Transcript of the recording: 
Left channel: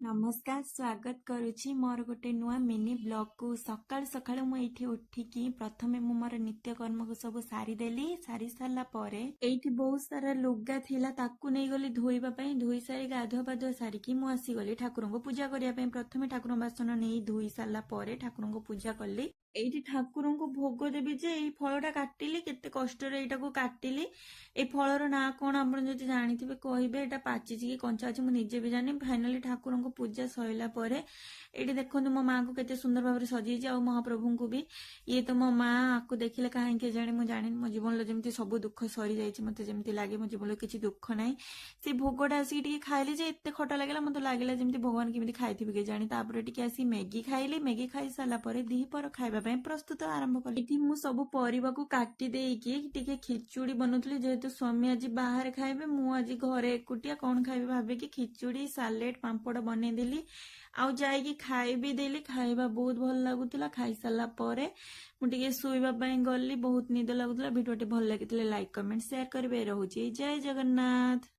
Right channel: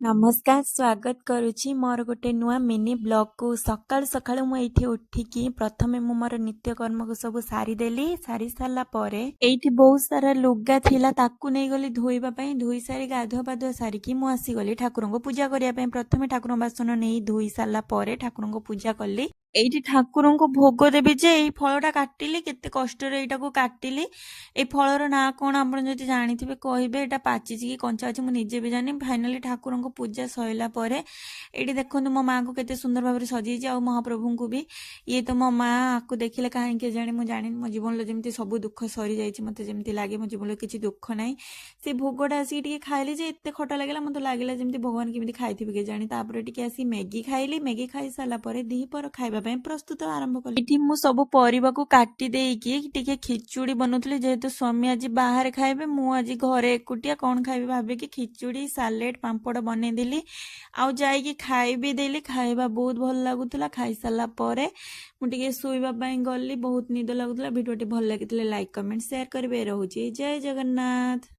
नमस्कार स्वागत करुछि मोर गोटे नुआ मिनी ब्लॉग को सकाळु सकाळु मु एठी उठिकी प्रथमे मु मोर नित्यकर्म को सब सारी देली सारी सारला परे एठी बहुत सारा लुगा थिला ताकू नै गली धोइबा पई धोई सारी गाधुआ पाधुआ सारी की मु आसी गली ठाकुरन को पूजा करिया पई प्रथमे ठाकुर बासन नै धोई सारला परे ठाकुरन को पूजा कली एठी ठाकुरन को भोग देबी जे एई फळटा काटिली केते कष्ट रे एटा को काटिली ए फळर ना कोन आपण जति जानिथिबे कहिबे एटा पाचिछि कि कंचा अछि मु निजे भी जानि फाइनली ठाकुरन को पूजा सइला परे एठी देखंतु मो मां को केते सुंदर भाबरे सजेछि आ महाप्रभु को भी ये तो मो मां आकु देखिले काहे के जानि मु जानि मो जीवन ल जेमति सब दुख सरी जाइछि मते जेमति लागे मो जीवन ल किछि दुख नै से भोगटा आसी टिके खाइली जे एते खटा लागला मते लागला जेमति भगवान केमति खाइथिबे के जानि तापर टिके आसी मैगी खाइली मैगी खाइ साला परे दी पर खाइबा पे प्रस्तुत आरंभ कली एठी मु सब परिबा को काटी देइकी टिके खिचुड़ी बनउतली जेहेतु स्वामी आज बाहर खाइबे मु आज घरे एकुटिया कोन खाइबे भाबे कि खिचुड़ी सालेड पांपड़ बने देली आउ जाई कि खाइ भी देली खाइबा बहुत भल लागुतला खाइ साला परे मु टिके सोइबा पई गली बहुत निद लागुतला वीडियोटी भल लागितले लाइक कमेंट शेयर करबे रहउची जय जगन्नाथ।